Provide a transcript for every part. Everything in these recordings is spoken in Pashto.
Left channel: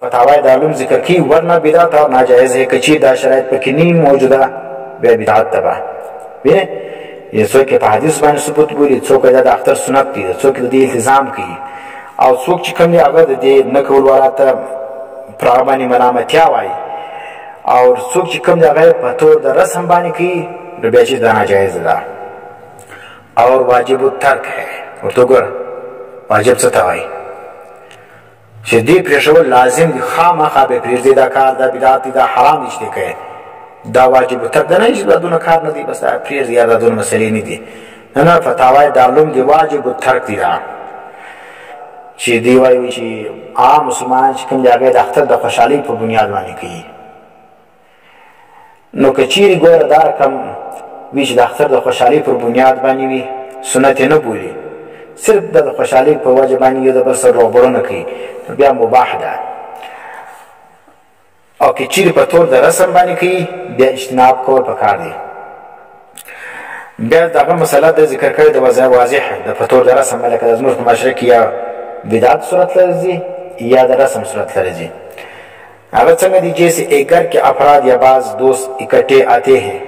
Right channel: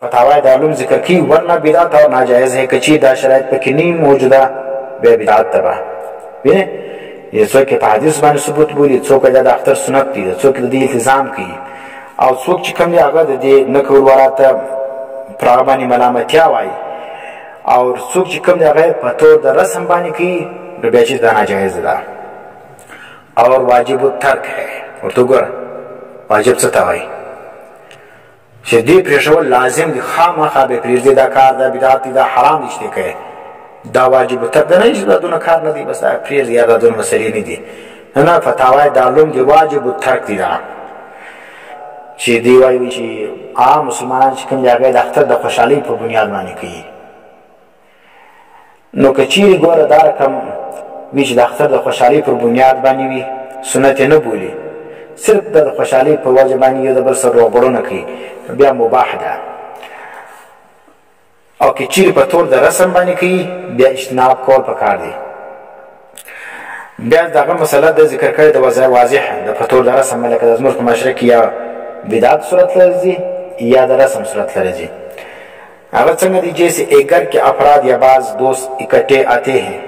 فتاوی دارالعلوم ذکر کی ورنہ بدعت اور ناجائز ہے کچیر دا شرائط پکې نه موجوده بیا بدعت تبا وینه یې څوک په حدیث باندې ثبوت بولی څوک دا د اختر سنت دي څوک د دې التزام کوي او څوک چې کوم دی هغه د دې نه کول وراته پر هغه باندې ملامتیا وایي او څوک چې کوم دی هغه په تور د رسم باندې کوي نو بیا چې دا ناجایز ده اور واجب الترک ہے ورته ګوره واجب څه ته وایي چې دې پرېښول لازم دي خامخا به پرېږدي دا کار دا بدعت دي دا حرام دي چې دی کوي دا واجب الترک ده نه چې دا دونه کار نه دی بس دا پرېږدي یا دا دونه مسلې نه دي نه فتاوی دارالعلوم دی واجب الترک دي دا چې دی وایي چې عام مسلمانان چې کوم دی هغه د اختر د خوشحالۍ په بنیاد باندې کوي نو که چیرې ګوره دا رقم وي چې د اختر د خوشحالۍ پر بنیاد باندې وي سنت یې نه بولي صرف د خوشحالۍ په وجه باندې یو د بل سره روغبړونه کوي بیا مباح ده او که چیرې په طور د رسم باندې کوي بیا اجتناب کول پکار دی بیا دغه مسله د ذکر کړی د واضح د په طور د رسم باندې که زموږ په معاشره کې یا بدعت صورت لري یا د رسم صورت لري هغه څنګه دی جیسے ایک گھر کے افراد یا بعض دوست اکٹھے آتے ہیں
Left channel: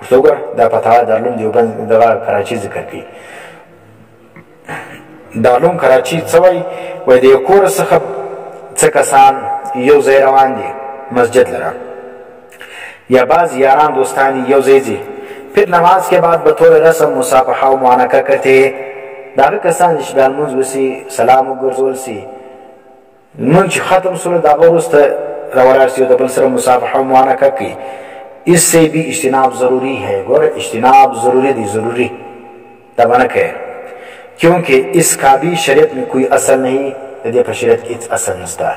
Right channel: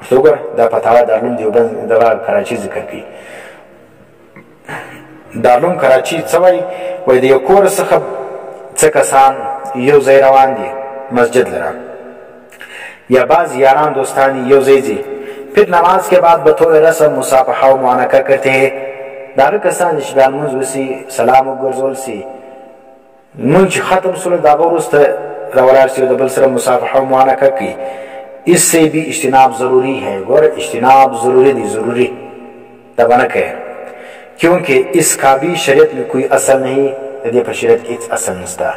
ورته وګوره دا فتاوی دارالعلوم دیوبند دغه کراچي ذکر کوي دارالعلوم کراچي څه وایي وایي د یو کور څخه څه کسان یو ځای روان دي مسجد لره یا بعض یاران دوستان یو ځای ځي پھر نماز کے بعد بطور رسم مصافحه و معانقه کرتے ہیں داغه کسان چې بیا لمونځ وسي سلام وګرځول سي لمونځ چې ختم سوله دغه وروسته راولاړ سي او د بل سره مصافحه و معانقه کوي اس سے بھی اجتناب ضروری ہے گوره اجتناب ضروری دی ضروری دا بنا کہ کیونکہ اس کا بھی شریعت میں کوئی اصل نہیں دې په شریعت کې هیڅ اصل نشته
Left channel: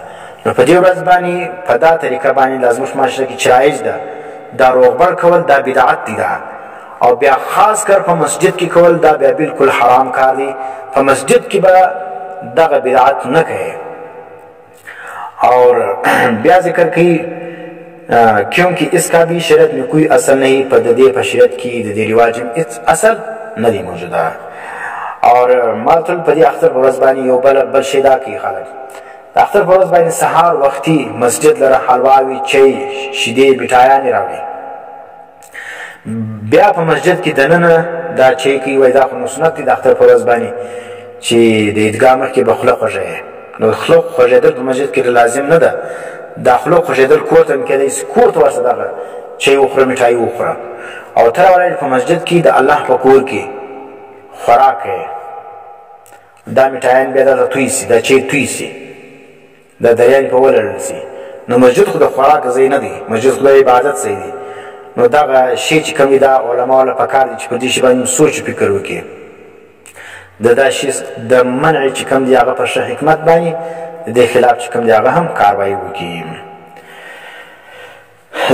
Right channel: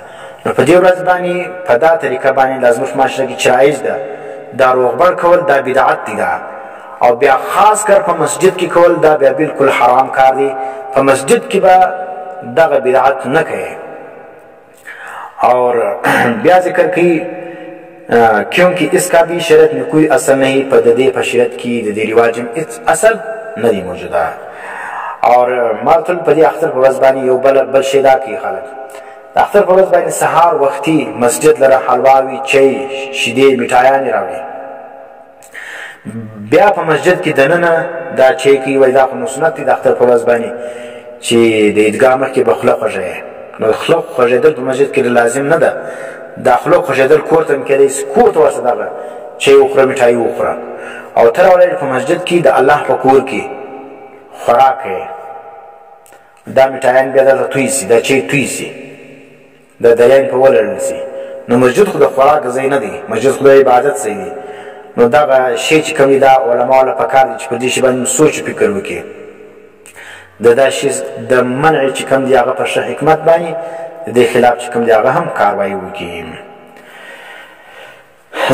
نو په دې ورځ باندې په دا طریقه باندې لازم په معاشره کې چرایج ده دا روغبړ کول دا بدعت دی دا او بیا خاص کر په مسجد کې کول دا بیا بالکل حرام کار دی په مسجد کې به دغه بدعت نه کوي اور بیا ذکر کوي کیونکہ اس کا بھی شریعت میں کوئی اصل نہیں پر دے پر شریعت کی دے رواج میں اصل نہیں موجودہ اور مالتل پدی اختر پر وزبانی یو بل شیدا کی خلق اختر پر وزبانی سحار وقتی مسجد لرا حلواوی چای شیدې مټایانې راوړي بیا په مسجد کې دننه دا چای کی وای دا خو سنت دی د اختر پر وزبانی چې د عیدګاه مخکې به خوله خوږه نو خوله خوږېدل په مسجد کې لازم نه ده داخلو خوشیدل کور ته کېدای شي کور ته ورسه دغه چای وخوره مټایي وخوره او تر ولې په مسجد کې د الله په کور کې خوراک دا مټایان بیا د توي سي دا چای توي سي د دریان په ولرل سي نو مسجد خو د خوراک ځای نه دی مسجد خو د عبادت ځای دی نو دغه شی چې کوم دا علما له پکار دي چې په دې شی باندې سوچ فکر وکړي دا شی د منع چې کوم دی هغه په حکمت باندې د خلاف چې کوم دی هغه هم کاروایی وکړي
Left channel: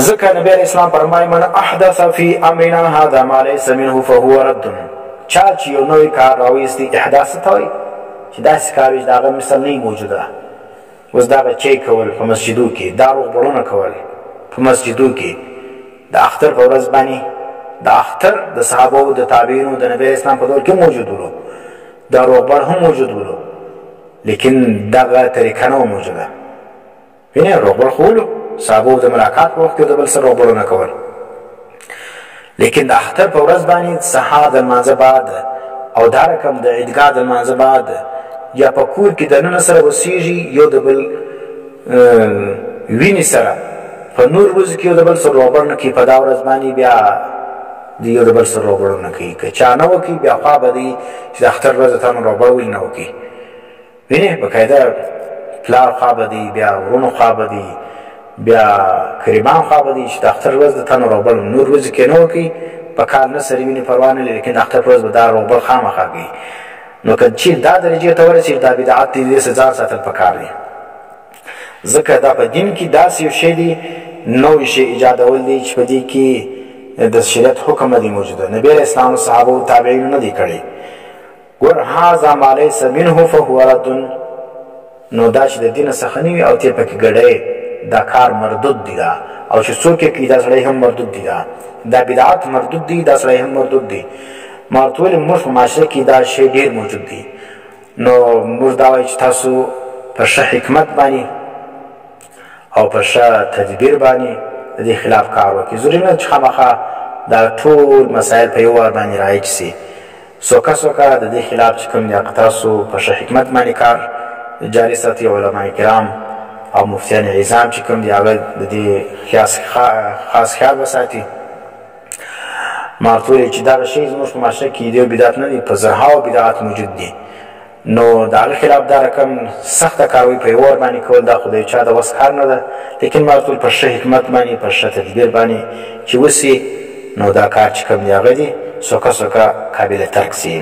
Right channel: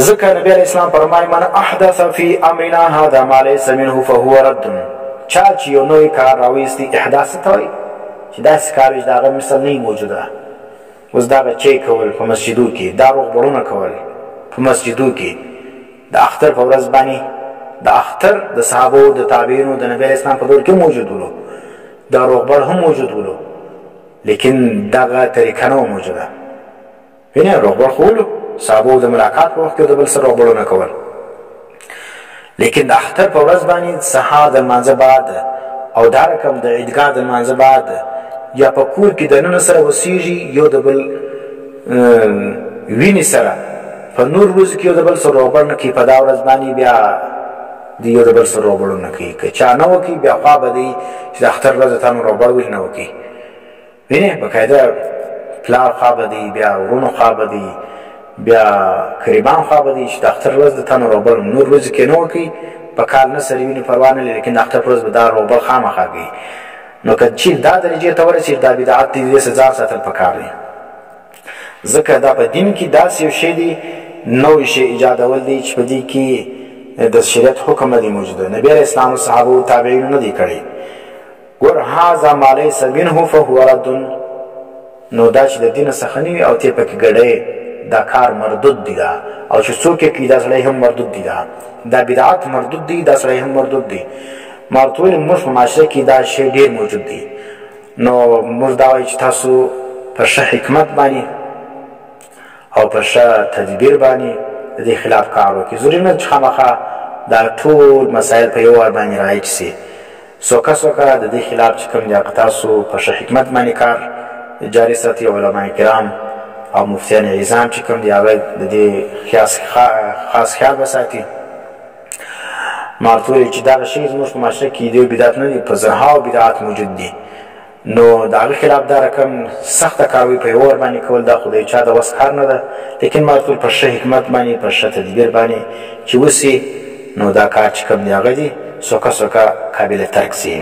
ځکه نبی علیہ السلام فرمایي من احدث فی امرنا هذا ما ليس منه فهو رد چا چې یو نوی کار راویستی احداث ته وایي چې داسې کار وي چې د هغه مثل نه موجوده اوس دغه چای کول په مسجدو کې دا روغبړونه کول په مسجدو کې د اختر په ورځ باندې د اختر د صحابو د تابعینو د نبی علیہ السلام په دور کې موجود ولو دا روغبړ هم موجود ولو لیکن دغه طریقه نه موجوده وینه روغبړ خولو صحابو د ملاقات په وخت کې د بل سره روغبړونه کول لیکن د اختر په ورځ باندې سحار د لمانځه بعد او دا رقم د عیدګاه د لمانځه بعد یا په کور کې دننه سره وسیږي یو د بل وینې سره په نور ورځ کې یو د بل سره روغبړ نه کوي په دا ورځ باندې بیا د یو د بل سره روغبړ نه کوي که چا نه وکړي بیا خوا به دی چې د اختر ورځ ته نو روغبړ ولې نه وکړي وینه بقاعده پلار خواب دی بیا ورونو خواب دی بیا قریبان خواب دی چې د اختر ورځ د تنو روبل نور ورځ کې نه وکړي په کال نه سره ویني پروا نه لري لیکن د اختر ورځ به دا روبل خامخا کوي نو که چې دا درجې ته ورسېږي دا بدعت دی دې سزا ساتل پکار دی ځکه دا په دین کې داسې یو شی دی نوی شی ایجادول دی چې په دې کې د شریعت حکم نه دی موجوده نبی علیہ السلام او صحابه او تابعین نه دی کړی ګور هاذا ما ليس منه فهو رد نو دا چې د دین څخه نه او ته پکې ګډې دا کار مردود دی دا او چې څوک کې دا سړی هم مردود دی دا بدعت مردود دی دا سړی هم مردود دی مرتول مش معاشره کې دا شی ډیر موجود دی نو موږ دا وایو چې تاسو په حکمت باندې او په ښه تدبیر باندې د دې خلاف کار وکړي. ضروري نه چې خامخا دا ټول مسایل په یو وار باندې رایج سي. سوکه سوکه د دې خلاف چې کوم دي هغه تاسو په ښه حکمت باندې کار جاري ساتي. علما کرام او مفتیان عظام چې کوم دي هغه د دې خاص خیال وساتي. مارتولی چې دغه شی زموږ په معاشره کې دی بدعت نه دي، په زرهاو بدعات موجود دي، نو د هغه خلاف دا رقم سخته کاروي په یو ور باندې کول دا خو د چا د وس کار نه ده. لیکن مارتول په ښه حکمت باندې په ښه تدبیر باندې چې وسي نو دا کار چې کوم دی هغه دي سوکه سوکه قابل ترک سي.